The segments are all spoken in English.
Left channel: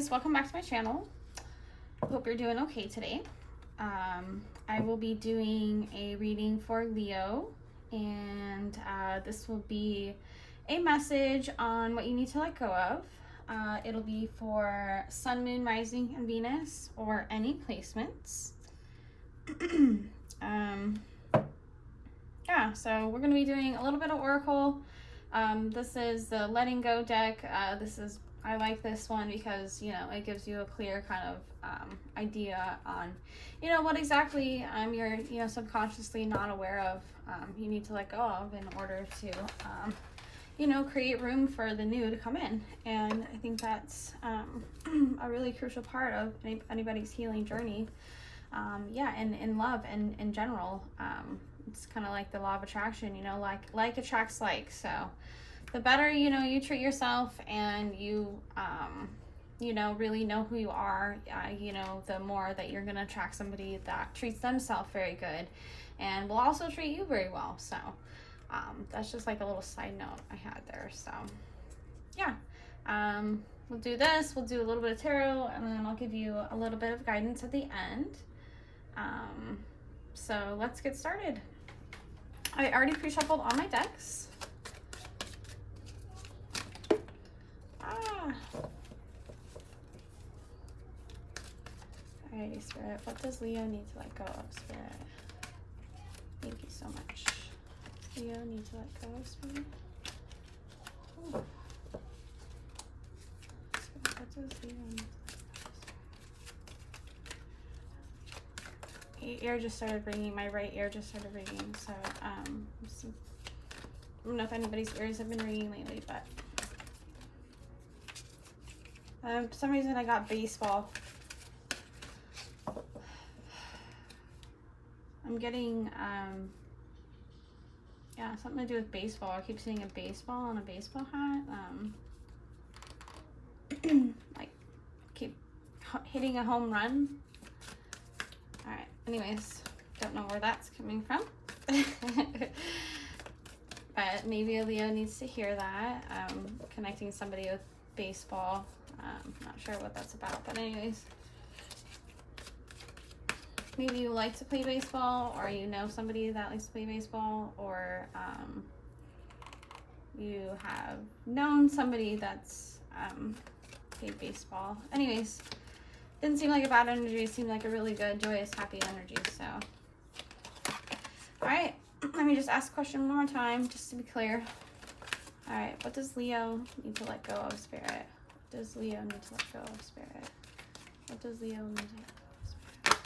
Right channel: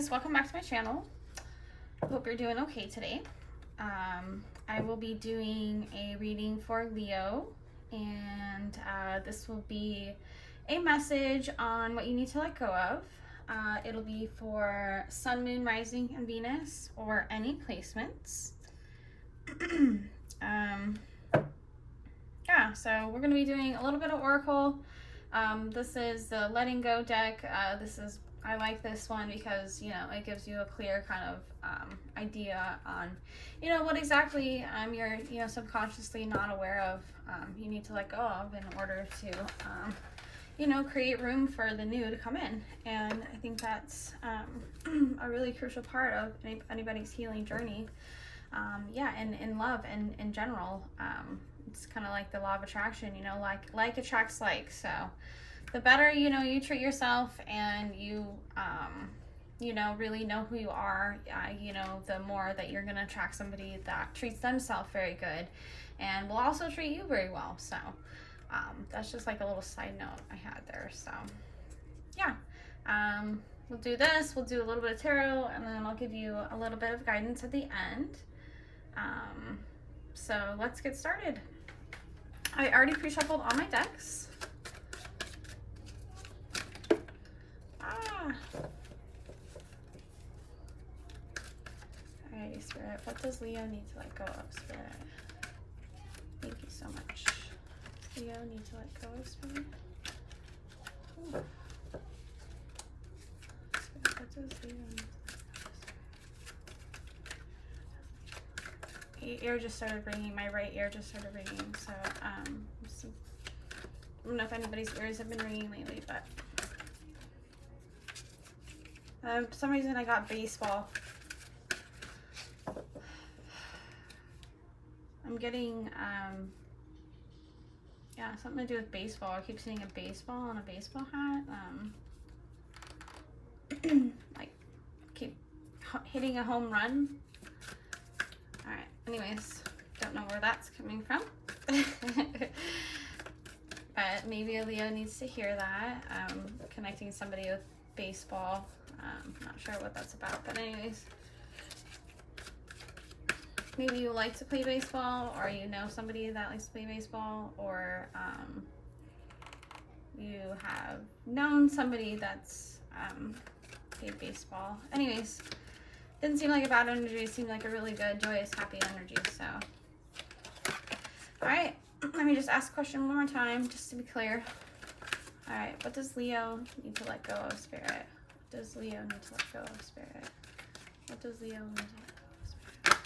guys, welcome back to my channel. Hope you're doing okay today. I will be doing a reading for Leo, and this will be a message on what you need to let go of. It'll be for Sun, Moon, Rising, and Venus, or any placements. Yeah, so we're going to be doing a little bit of Oracle. This is the Letting Go deck. I like this one because, you know, it gives you a clear kind of idea on, you know, what exactly you're, you know, subconsciously not aware of, you need to let go of in order to, you know, create room for the new to come in. And I think that's a really crucial part of anybody's healing journey. Yeah, and in love and in general, it's kind of like the law of attraction, you know, like attracts like. So the better, you know, you treat yourself and you, you know, really know who you are, you know, the more that you're going to attract somebody that treats themselves very good and will also treat you very well. So that's just like a little side note I had there. So yeah, we'll do this. We'll do a little bit of tarot, and then I'll give you a little bit of guidance at the end. So let's get started. I already pre-shuffled all my decks. Alrighty, Spirit. What does Leo need to let go of, Spirit? Thank you so much. Does Leo need to let go of, Spirit? Ooh. Spirit, what does Leo need to let go of, Spirit? Ear just started ringing. My right ear just started ringing. So, I don't know if anybody's ears have been ringing lately, but for some reason I got baseball. I'm getting, yeah, something to do with baseball. I keep seeing a baseball and a baseball hat. Like, keep hitting a home run. All right, anyways, don't know where that's coming from. But maybe a Leo needs to hear that. Connecting somebody with baseball. Not sure what that's about, but anyways. Maybe you like to play baseball, or you know somebody that likes to play baseball, or you have known somebody that's played baseball. Anyways, didn't seem like a bad energy. It seemed like a really good, joyous, happy energy. So, all right, let me just ask a question one more time, just to be clear. All right, what does Leo need to let go of, Spirit? What does Leo need to let go of, Spirit? What does Leo need to let go of, Spirit?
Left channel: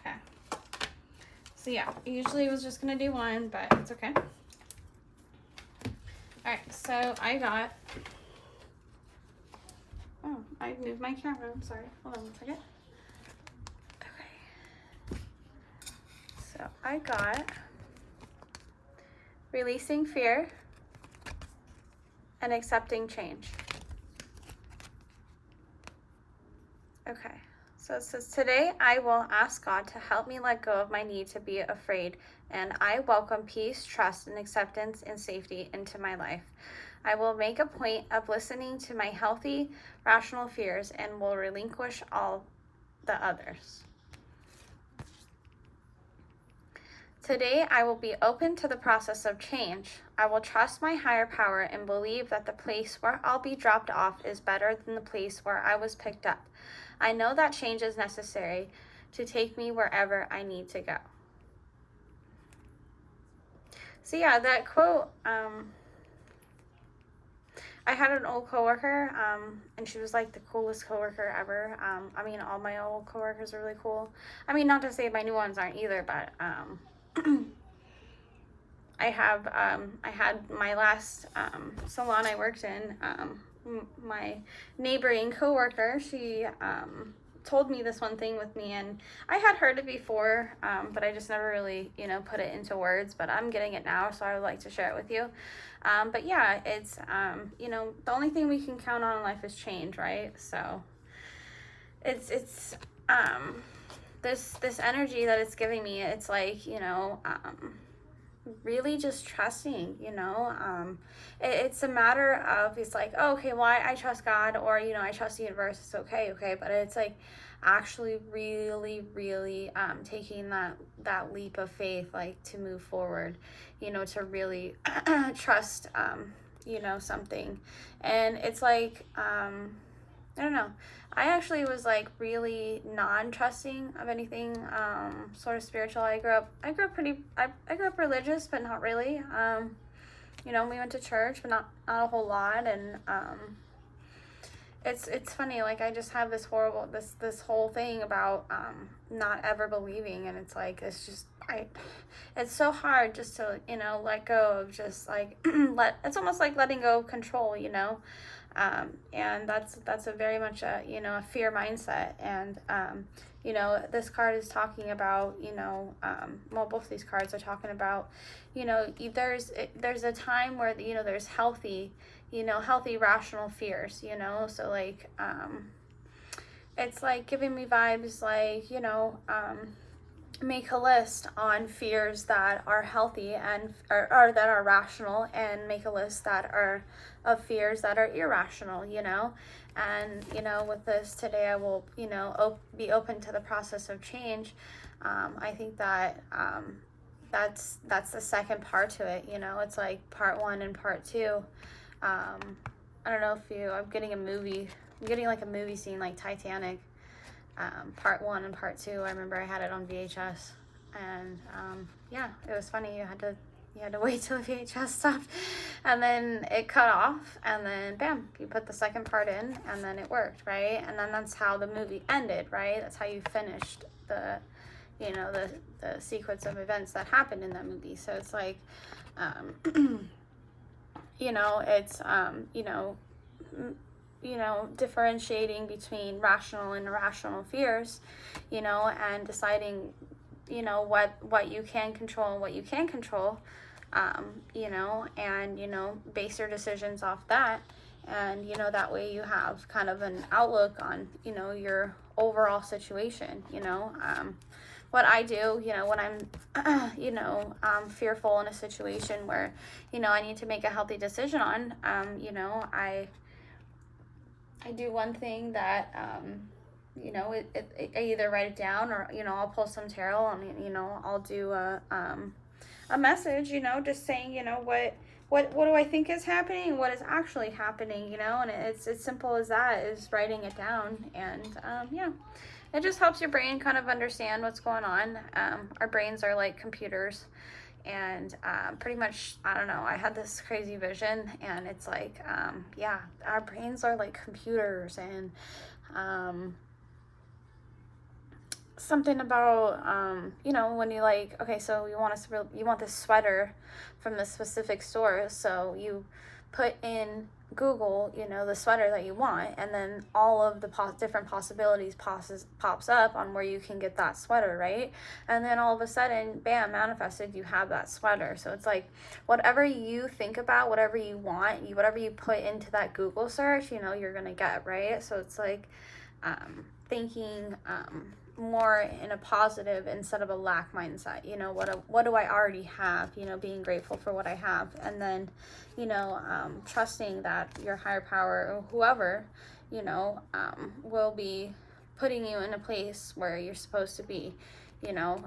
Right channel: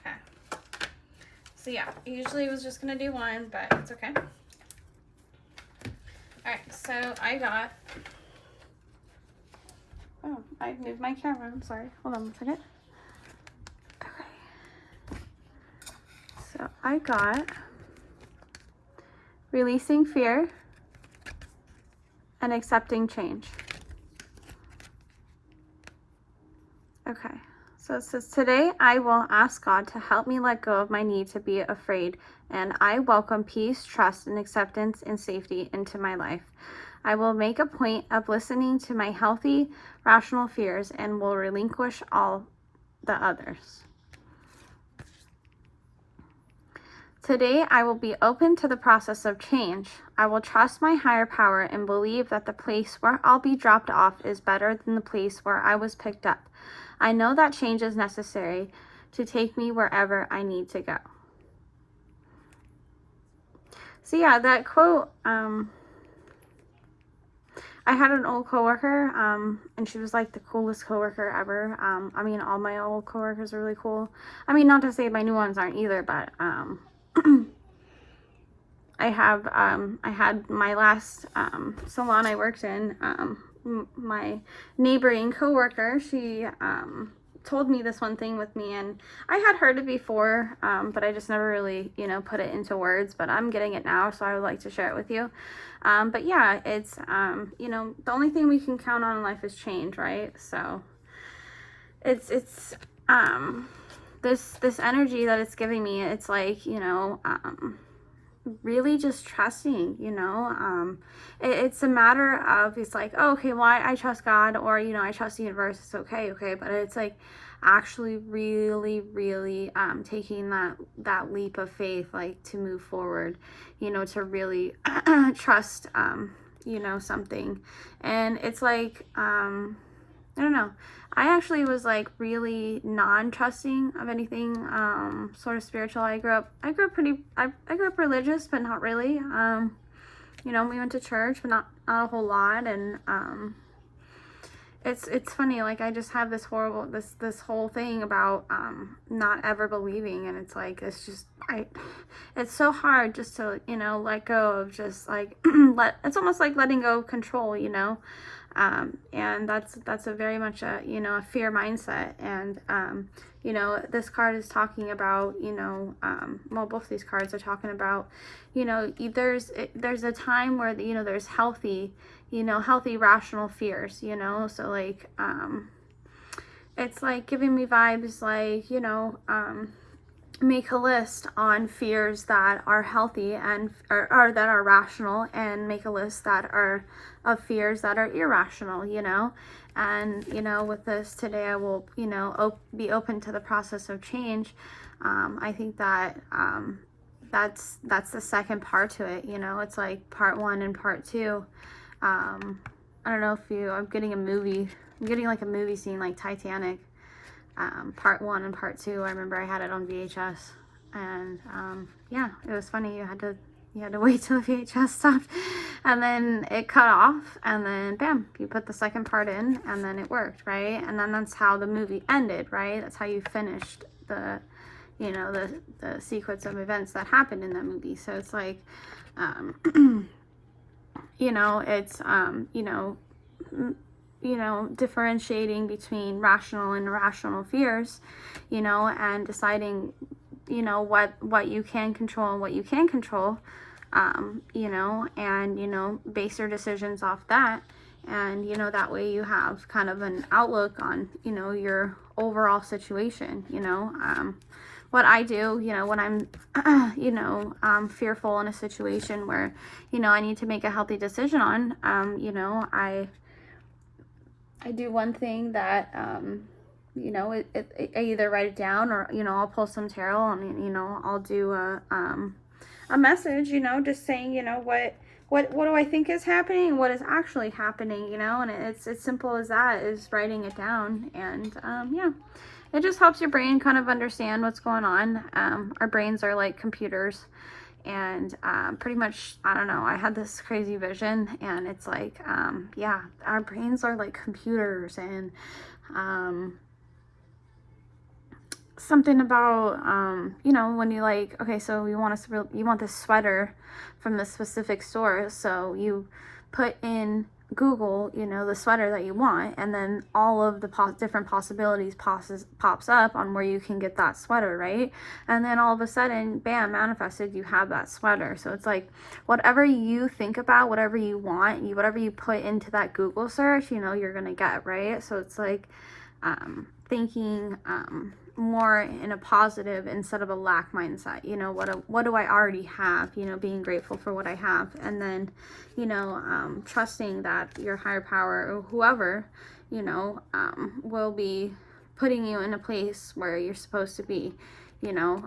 Okay. So yeah, usually I was just gonna do one, but it's okay. All right, so I got. Oh, I moved my camera. I'm sorry. Hold on a second. Okay. So I got releasing fear and accepting change. Okay. So it says, today I will ask God to help me let go of my need to be afraid, and I welcome peace, trust, and acceptance and safety into my life. I will make a point of listening to my healthy, rational fears and will relinquish all the others. Today, I will be open to the process of change. I will trust my higher power and believe that the place where I'll be dropped off is better than the place where I was picked up. I know that change is necessary to take me wherever I need to go. So yeah, that quote, I had an old coworker, and she was like the coolest coworker ever. I mean, all my old coworkers are really cool. I mean, not to say my new ones aren't either, but I had my last salon I worked in, my neighboring coworker, she told me this one thing with me, and I had heard it before, but I just never really, you know, put it into words, but I'm getting it now, so I would like to share it with you. But yeah, it's, you know, the only thing we can count on in life is change, right? So it's this energy that it's giving me, it's like, you know, really just trusting, you know. It's a matter of, it's like, oh, okay, well, I trust God, or, you know, I trust the universe, it's okay, but it's like actually really, really taking that leap of faith, like to move forward, you know, to really trust, you know, something. And it's like, I don't know. I actually was like really non-trusting of anything sort of spiritual. I grew up I grew up religious, but not really. You know, we went to church, but not a whole lot. And it's funny, like I just have this horrible this whole thing about not ever believing, and it's like it's so hard just to, you know, let go of just like it's almost like letting go of control, you know. And that's a very much a, you know, a fear mindset. And you know, this card is talking about, you know, well, both these cards are talking about, you know, there's a time where, you know, there's healthy, you know, healthy rational fears, you know. So like it's like giving me vibes like, you know, make a list on fears that are healthy and or that are rational, and make a list that are of fears that are irrational, you know. And you know, with this today, I will, you know, be open to the process of change. I think that that's the second part to it, you know. It's like part 1 and part 2. I don't know if I'm getting like a movie scene like Titanic. Part 1 and part 2. I remember I had it on VHS, and yeah, it was funny. You had to wait till the VHS stopped, and then it cut off, and then bam, you put the second part in, and then it worked, right? And then that's how the movie ended, right? That's how you finished the, you know, the sequence of events that happened in that movie. So it's like, you know, it's you know, differentiating between rational and irrational fears, you know, and deciding, you know, what you can control and what you can't control, you know, and, you know, base your decisions off that. And, you know, that way you have kind of an outlook on, you know, your overall situation, you know. What I do, you know, when I'm, you know, fearful in a situation where, you know, I need to make a healthy decision on, you know, I do one thing that, you know, I either write it down, or, you know, I'll pull some tarot, and, you know, I'll do a message, you know, just saying, you know, what do I think is happening and what is actually happening, you know. And it's as simple as that, is writing it down. And yeah, it just helps your brain kind of understand what's going on. Our brains are like computers. And pretty much, I don't know, I had this crazy vision, and it's like, yeah, our brains are like computers. And something about, you know, when you like, okay, so you want this sweater from this specific store, so you put in Google, you know, the sweater that you want, and then all of the different possibilities pops up on where you can get that sweater, right? And then all of a sudden, bam, manifested, you have that sweater. So it's like, whatever you think about, whatever you want, whatever you put into that Google search, you know, you're gonna get, right? So it's like thinking more in a positive instead of a lack mindset. You know, what do I already have, you know, being grateful for what I have. And then, you know, trusting that your higher power, or whoever, you know, will be putting you in a place where you're supposed to be, you know.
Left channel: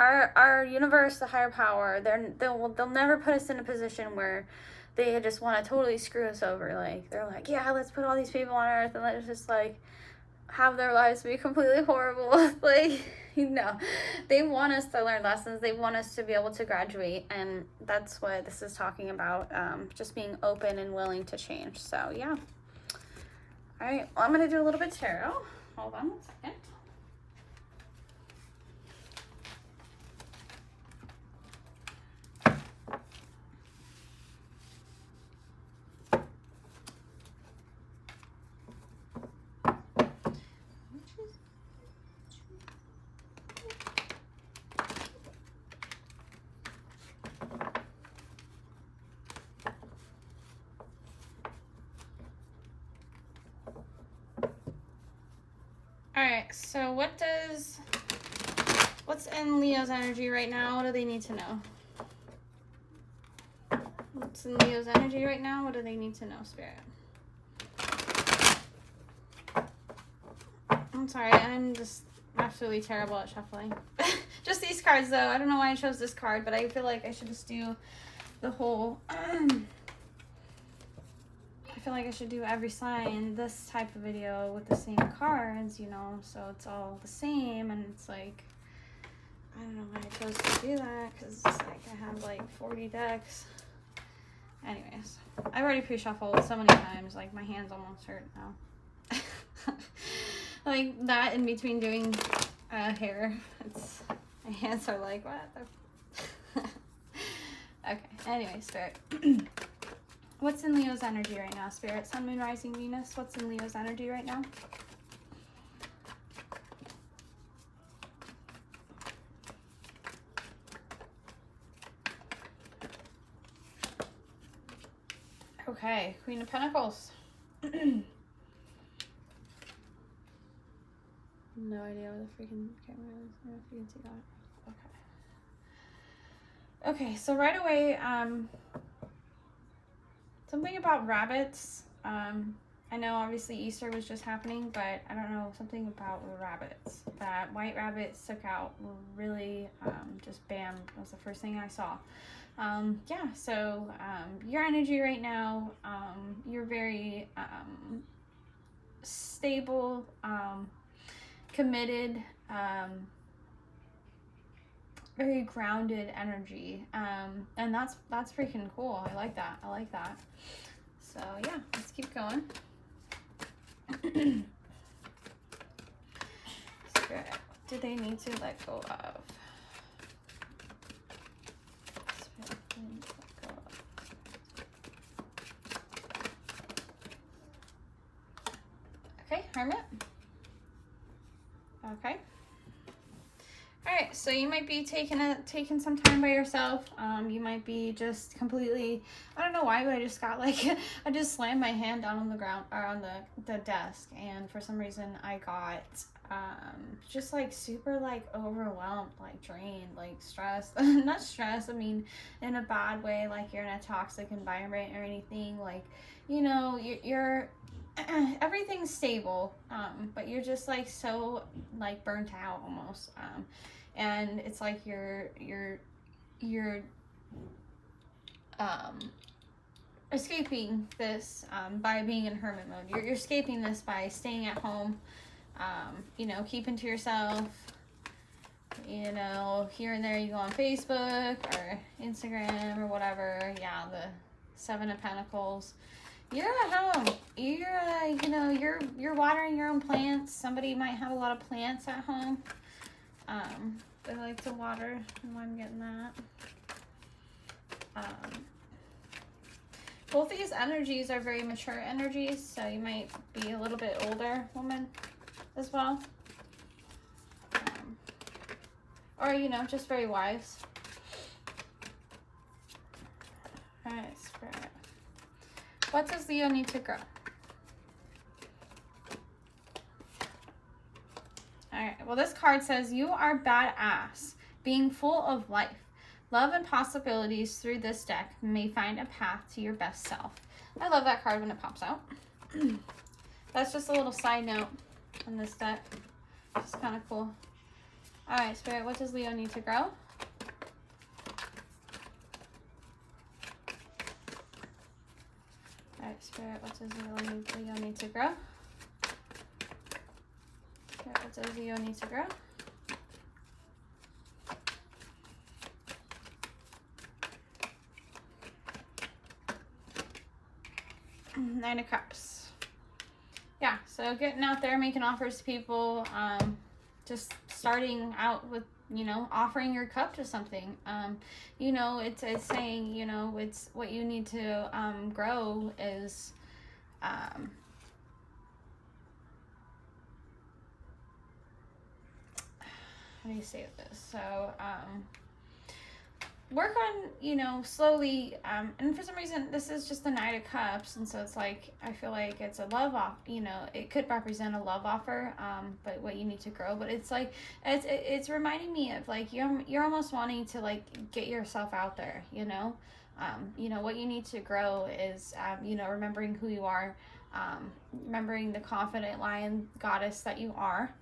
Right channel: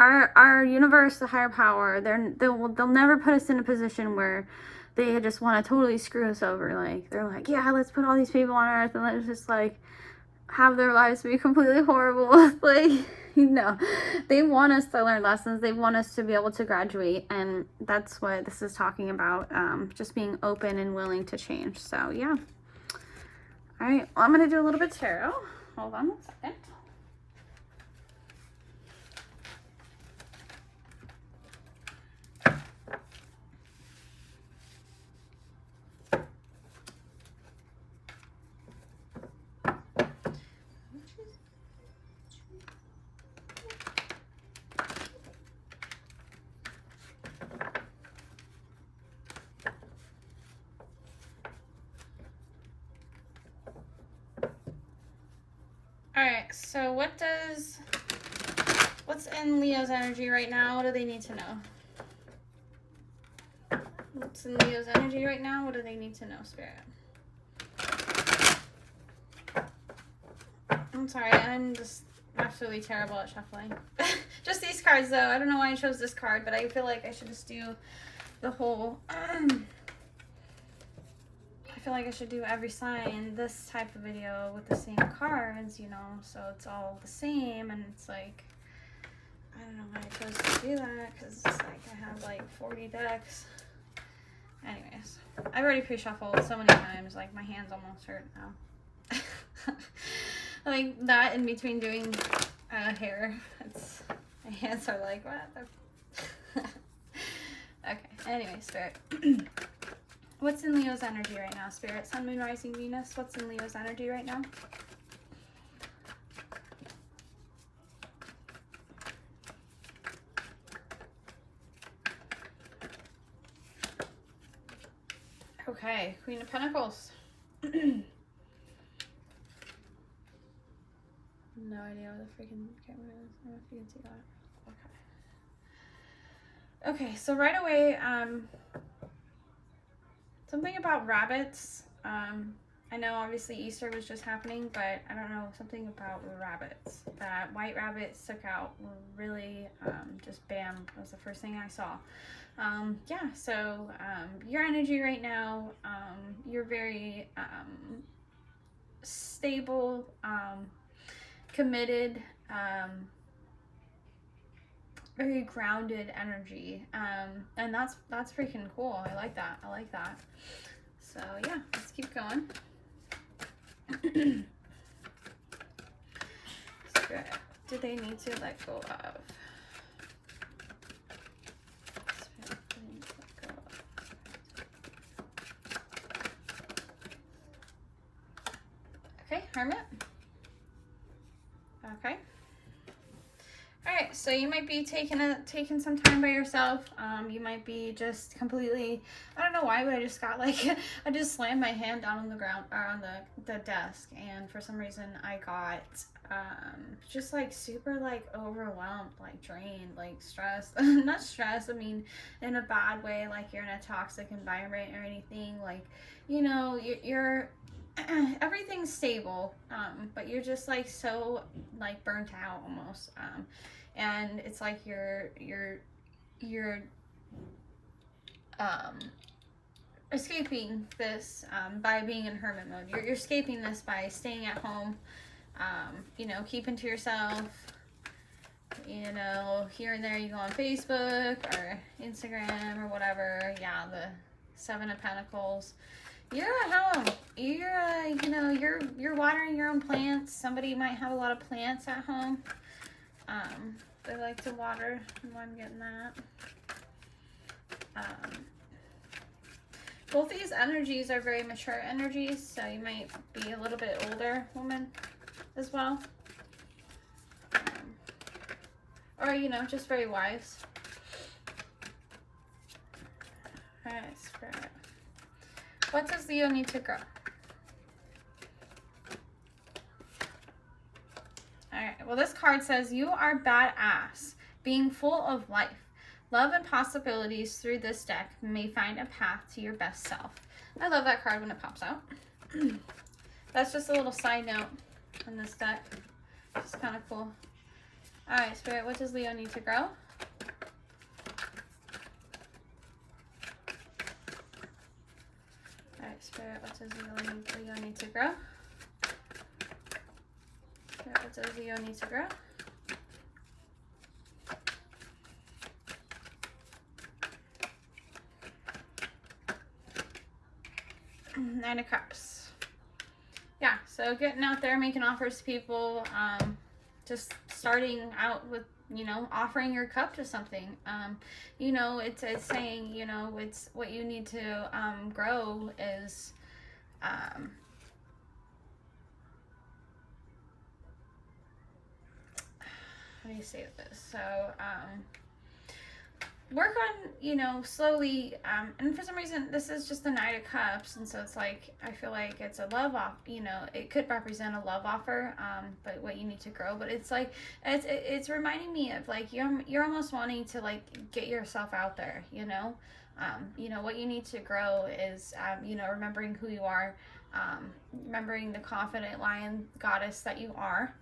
Our universe, the higher power, they'll never put us in a position where they just want to totally screw us over. Like, they're like, yeah, let's put all these people on earth, and then it's just like have their lives be completely horrible. Like, you know, they want us to learn lessons. They want us to be able to graduate, and that's what this is talking about. Just being open and willing to change. So yeah. All right, well, I'm gonna do a little bit of tarot. Hold on one second. All right, so what does What's in Leo's energy right now? What do they need to know? What's in Leo's energy right now? What do they need to know, Spirit? I'm sorry, I'm just absolutely terrible at shuffling. Just these cards, though. I don't know why I chose this card, but I feel like I should just do the whole... I feel like I should do every sign this type of video with the same cards, you know, so it's all the same, and it's like... I don't know why I chose to do that, because it's like I have like 40 decks. Anyways, I've already pre-shuffled so many times, like my hands almost hurt now. Like that in between doing hair, it's my hands are like, what the okay, anyway, Spirit. What's in Leo's energy right now, Spirit? Sun, Moon, Rising, Venus. What's in Leo's energy right now? Okay, Queen of Pentacles. No idea what the freaking camera is. I don't know if you can see that. Okay. Okay, so right away, something about rabbits. I know obviously Easter was just happening, but I don't know, something about rabbits. That white rabbit stuck out really, just bam, was the first thing I saw. Yeah, so your energy right now, you're very stable, committed, very grounded energy, and that's freaking cool. I like that. I like that. So yeah, let's keep going. Spirit, do they need to let go of? Spirit, do they need to let go of? Okay, Hermit. Okay. All right, so you might be taking some time by yourself. You might be just completely, I don't know why, but I just got like, I just slammed my hand down on the ground, or on the desk, and for some reason I got just like super like overwhelmed, like drained, like stressed. Not stressed, I mean in a bad way, like you're in a toxic environment or anything. Like, you know, you're everything's stable, but you're just like so like burnt out almost, and it's like you're escaping this by being in hermit mode. You're escaping this by staying at home, you know, keeping to yourself. You know, here and there you go on Facebook or Instagram or whatever. Yeah, the Seven of Pentacles. You're at home. You're, you know, you're watering your own plants. Somebody might have a lot of plants at home. They like to water. I'm getting that. Both these energies are very mature energies, so you might be a little bit older woman as well. Or, you know, just very wise. Alright, Spirit. What does Leo need to grow? Alright, well this card says, you are badass, being full of life. Love and possibilities through this deck may find a path to your best self. I love that card when it pops out. That's just a little side note on this deck. It's kind of cool. Alright, Spirit, what does Leo need to grow? Alright, Spirit, what does Leo need to grow? Spirit, what does Leo need to grow? Nine of Cups. Yeah, so getting out there, making offers to people, just starting out with, you know, offering your cup to something. You know, it's saying, you know, it's what you need to grow is how do you say this? So work on, slowly, and for some reason this is just the Knight of Cups, and so it's like I feel like it's a love off, it could represent a love offer, but what you need to grow. But it's like it's reminding me of like you're almost wanting to like get yourself out there. What you need to grow is remembering who you are, remembering the confident lion goddess that you are,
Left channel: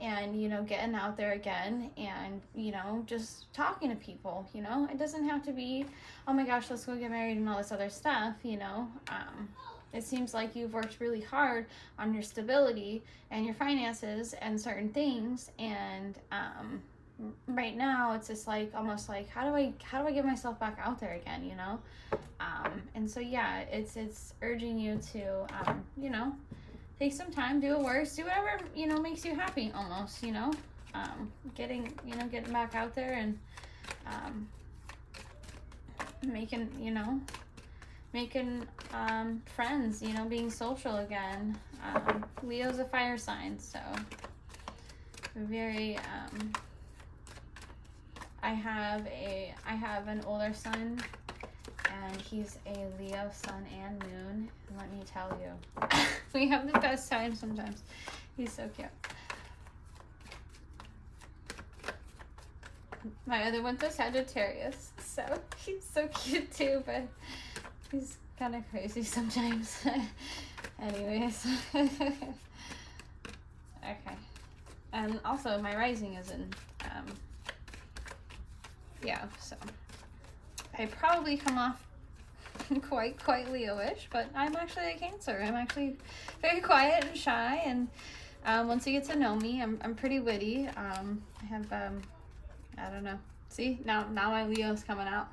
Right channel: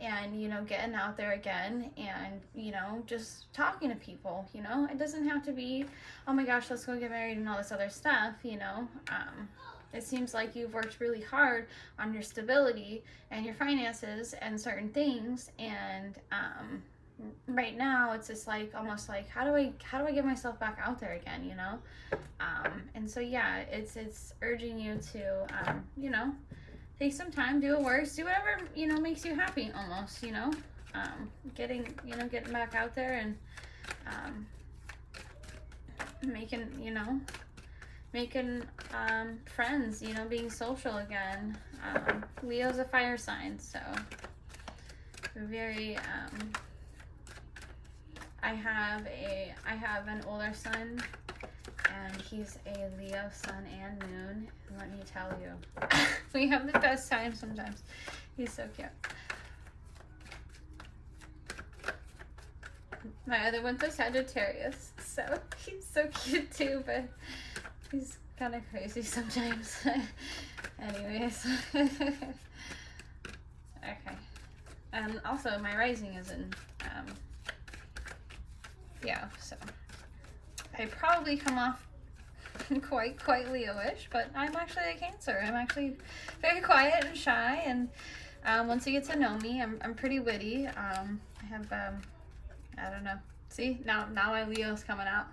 and getting out there again, and just talking to people. It doesn't have to be, oh my gosh, let's go get married and all this other stuff. It seems like you've worked really hard on your stability and your finances and certain things, and right now it's just like almost like how do I get myself back out there again, and so yeah, it's urging you to take some time, do a works, do whatever makes you happy, almost, getting back out there, and making friends, being social again. Leo's a fire sign, so very I have an older son, and he's a Leo sun and moon, and let me tell you, we have the best time sometimes. He's so cute. My other one's a Sagittarius, so he's so cute too, but he's kind of crazy sometimes. Anyways. Okay. And also my rising is in so I probably come off quite Leo-ish, but I'm actually a Cancer. I'm actually very quiet and shy, and once you get to know me, I'm pretty witty. I have I don't know. See, now my Leo's coming out.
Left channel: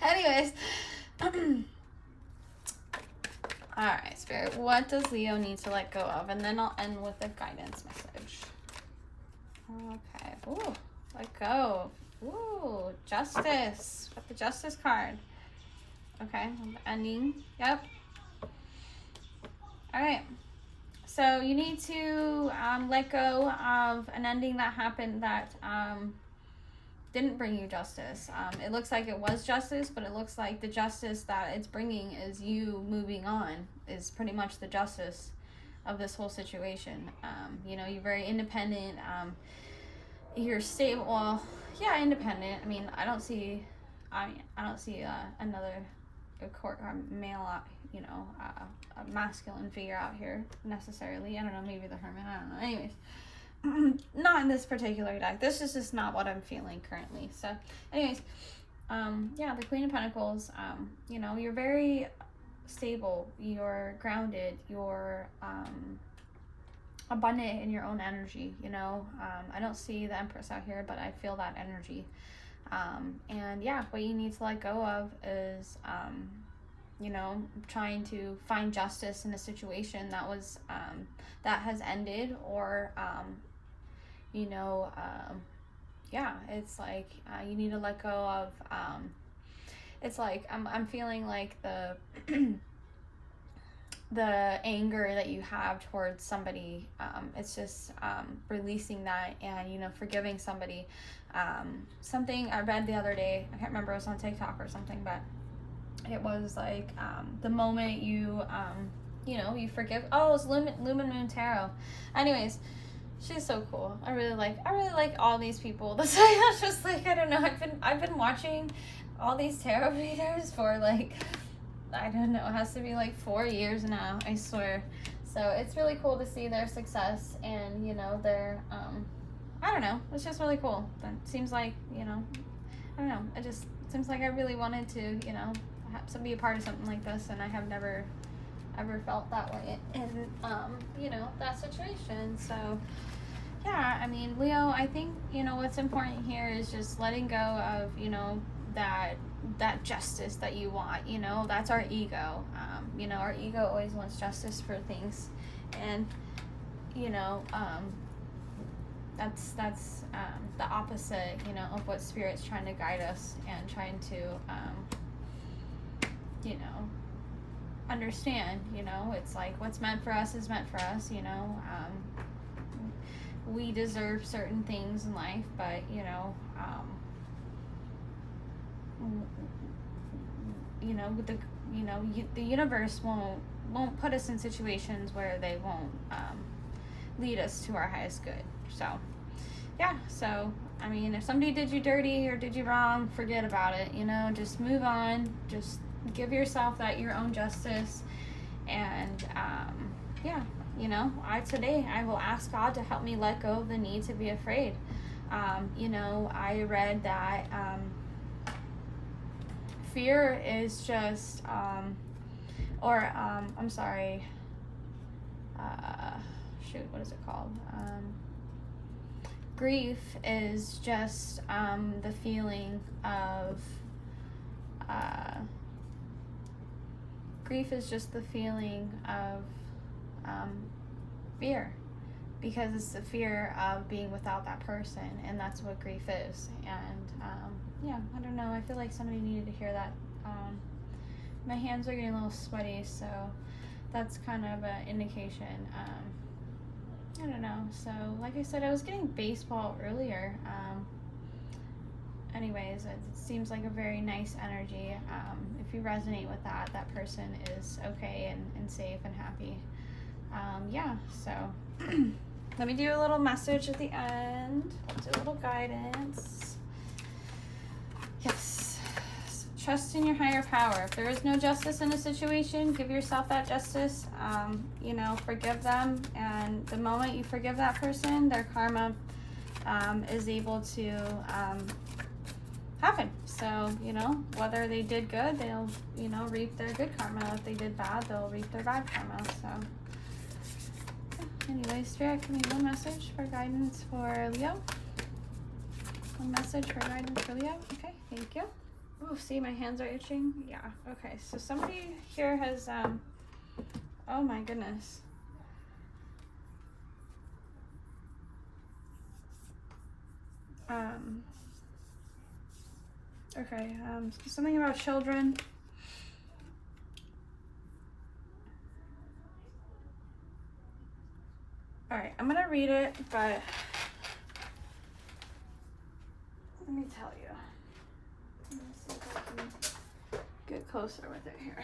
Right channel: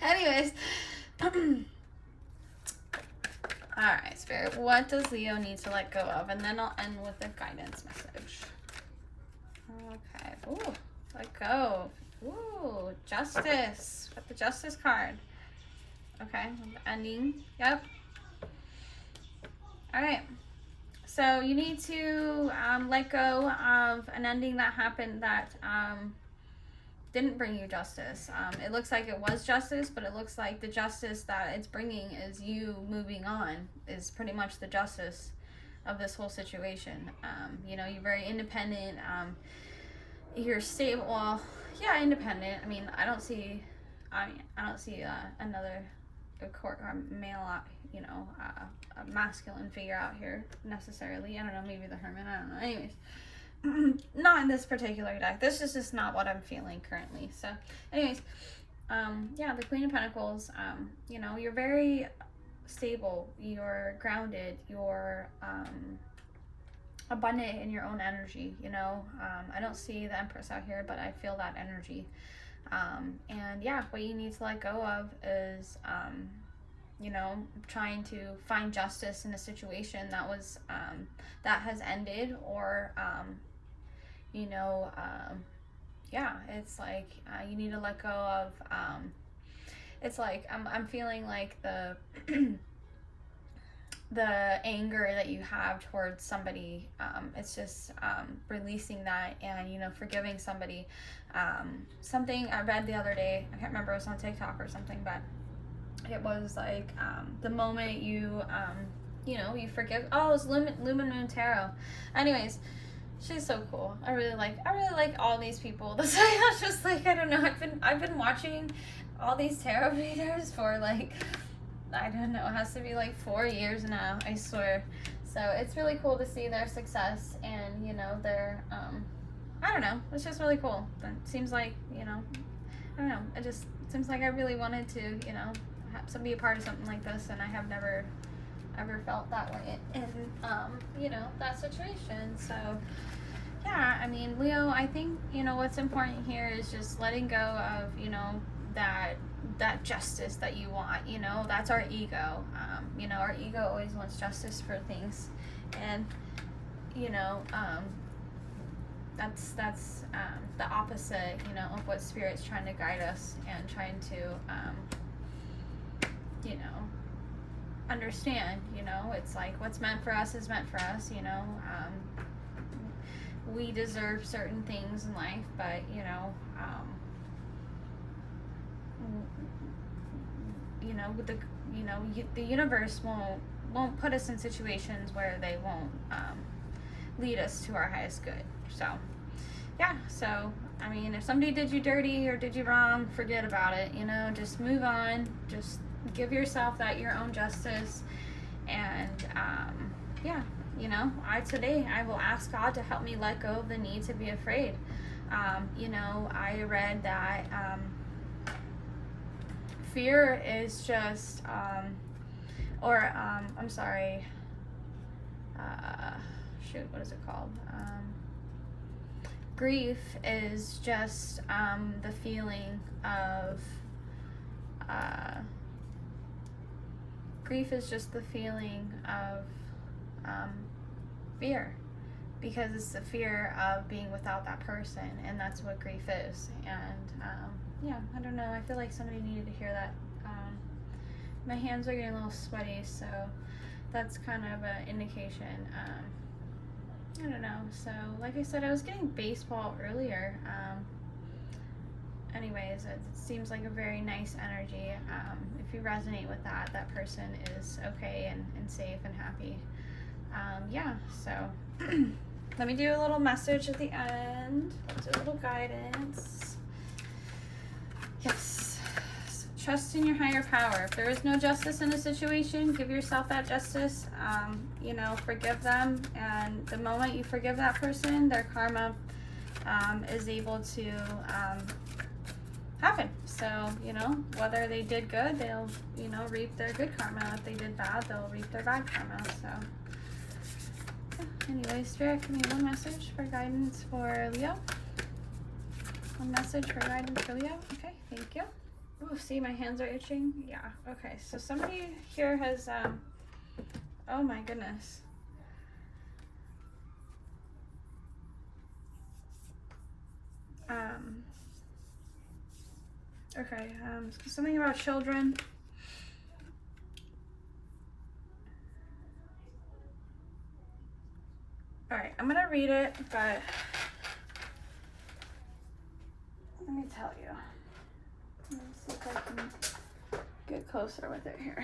Anyways, all right, Spirit, what does Leo need to let go of? And then I'll end with a guidance message. Okay. Ooh, let go. Ooh, Justice. Got the Justice card. Okay, ending. Yep. All right. So you need to let go of an ending that happened that didn't bring you justice. It looks like it was justice, but it looks like the justice that it's bringing is you moving on, is pretty much the justice of this whole situation. You're very independent. You're stable. Well, yeah, independent. I don't see another male, a masculine figure out here necessarily. I don't know, maybe the Hermit, I don't know. Anyways, not in this particular deck. This is just not what I'm feeling currently. So anyways, the Queen of Pentacles, you're very stable, you're grounded, you're abundant in your own energy. I don't see the Empress out here, but I feel that energy. And yeah, what you need to let go of is trying to find justice in a situation that was that has ended, or it's like you need to let go of it's like I'm feeling like the the anger that you have towards somebody, it's just releasing that, and forgiving somebody. Something I read the other day, I can't remember, it was on TikTok or something, but it was like the moment you you forgive. Oh, it was Lumen Moon Tarot. Anyways, she's so cool. I really like all these people. That's why I was just like, I don't know, I've been watching all these tarot readers for like, I don't know, it has to be like 4 years now, I swear. So it's really cool to see their success, and their I don't know, it's just really cool. It seems like, I don't know, it just seems like I really wanted to, be a part of something like this, and I have never ever felt that way in that situation. So yeah, Leo, I think what's important here is just letting go of that justice that you want. That's our ego. Our ego always wants justice for things, and that's the opposite of what Spirit's trying to guide us, and trying to understand. It's like what's meant for us is meant for us. We deserve certain things in life, but you know, with the, you know, the universe won't put us in situations where they won't lead us to our highest good. So yeah, so I mean, if somebody did you dirty or did you wrong, forget about it, you know, just move on, just give yourself that your own justice. And yeah, you know, today I will ask God to help me let go of the need to be afraid. You know, I read that fear is just I'm sorry, shoot, what is it called? Grief is just the feeling of fear, because it's the fear of being without that person, and that's what grief is. And yeah, I don't know, I feel like somebody needed to hear that. My hands are getting a little sweaty, so that's kind of an indication. I don't know, so like I said, I was getting baseball earlier. Anyways, it seems like a very nice energy. If you resonate with that, that person is okay and safe and happy. Yeah, so let me do a little message at the end. Let's do a little guidance. Yes. So trust in your higher power. If there is no justice in a situation, give yourself that justice. You know, forgive them. And the moment you forgive that person, their karma is able to happen. So, you know, whether they did good, they'll, you know, reap their good karma. If they did bad, they'll reap their bad karma. So anyway, Spirit, give me one message for guidance for Leo. One message for guidance for Leo. Okay, thank you. Oh, see, my hands are itching. Yeah, okay. So somebody here has, oh my goodness. Okay, something about children. Alright, I'm gonna read it, but let me tell you. Let me see if I can get closer with it here.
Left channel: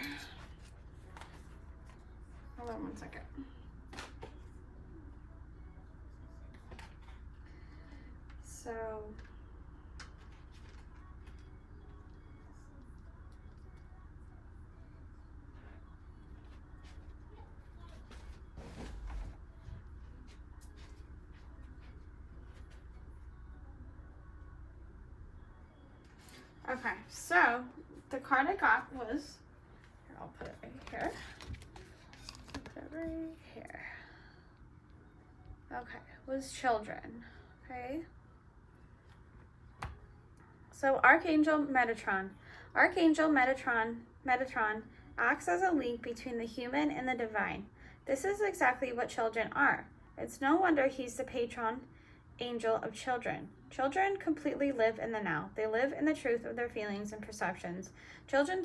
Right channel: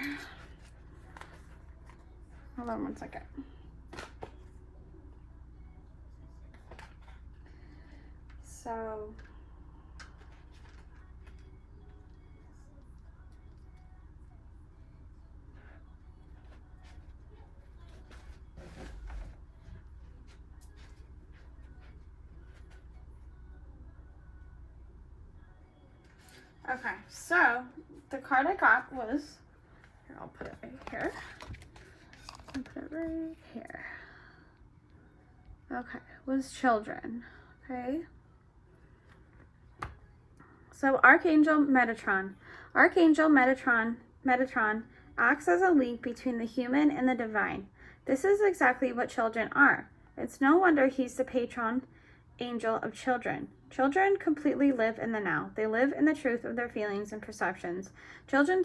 Hold on one second. So, okay, so the card I got was, here, I'll put it right here. I'll put it right here. Okay, was children. Okay. So Archangel Metatron. Archangel Metatron acts as a link between the human and the divine. This is exactly what children are. It's no wonder he's the patron angel of children. Children completely live in the now. They live in the truth of their feelings and perceptions. Children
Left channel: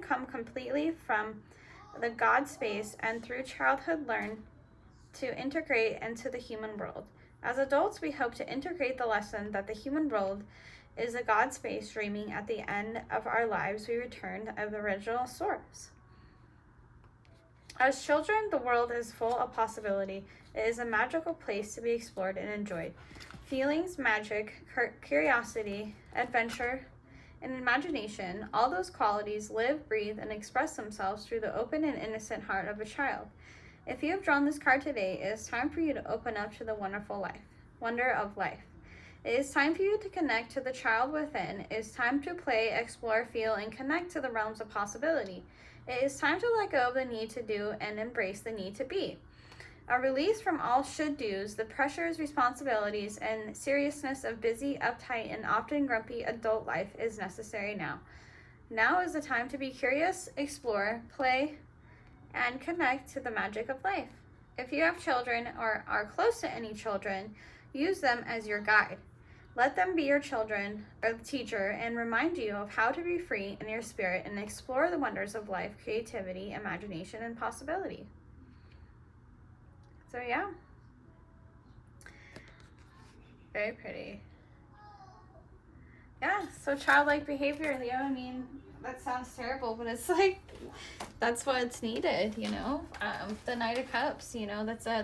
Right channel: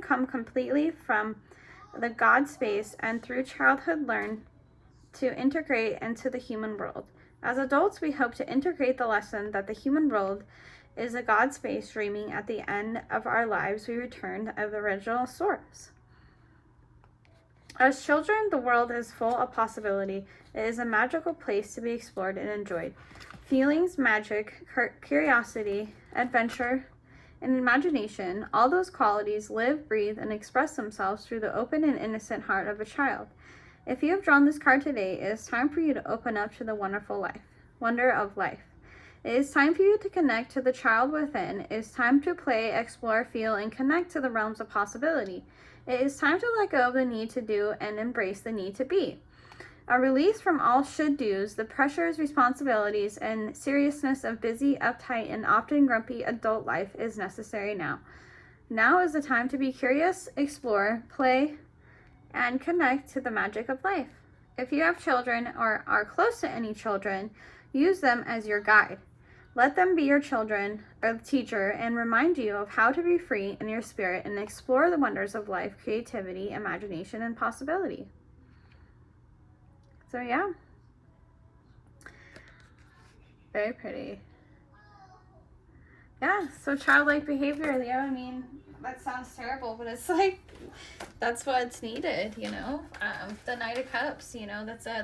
come completely from the God space, and through childhood learn to integrate into the human world. As adults, we hope to integrate the lesson that the human world is a God space dreaming. At the end of our lives, we return to the original source. As children, the world is full of possibility. It is a magical place to be explored and enjoyed. Feelings, magic, curiosity, adventure, and imagination, all those qualities live, breathe, and express themselves through the open and innocent heart of a child. If you have drawn this card today, it is time for you to open up to the wonder of life. It is time for you to connect to the child within. It is time to play, explore, feel, and connect to the realms of possibility. It is time to let go of the need to do and embrace the need to be. A release from all should-dos, the pressures, responsibilities, and seriousness of busy, uptight, and often grumpy adult life is necessary now. Now is the time to be curious, explore, play, and connect to the magic of life. If you have children or are close to any children, use them as your guide. Let them be your children or teacher and remind you of how to be free in your spirit and explore the wonders of life, creativity, imagination, and possibility. So yeah, very pretty. yeah, so childlike behavior, yeah, I mean, that sounds terrible, but it's like, that's what's needed, you know? The Knight of Cups, you know, that's a,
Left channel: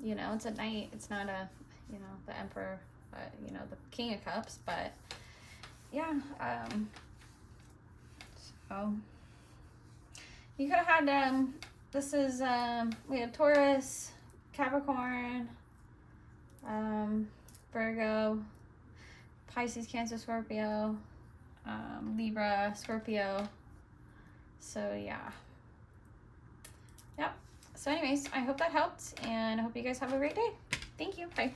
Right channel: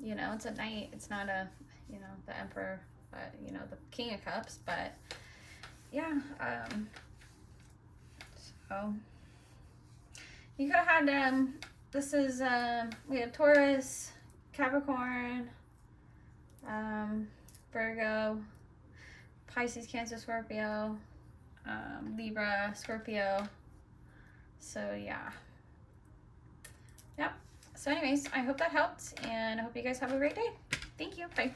you know, it's a knight, it's not a, you know, the Emperor, but, you know, the King of Cups, but, yeah, so, you could have had, this is, we have Taurus, Capricorn, Virgo, Pisces, Cancer, Scorpio, Libra, Scorpio. So yeah. Yep. So anyways, I hope that helped, and I hope you guys have a great day. Thank you. Bye.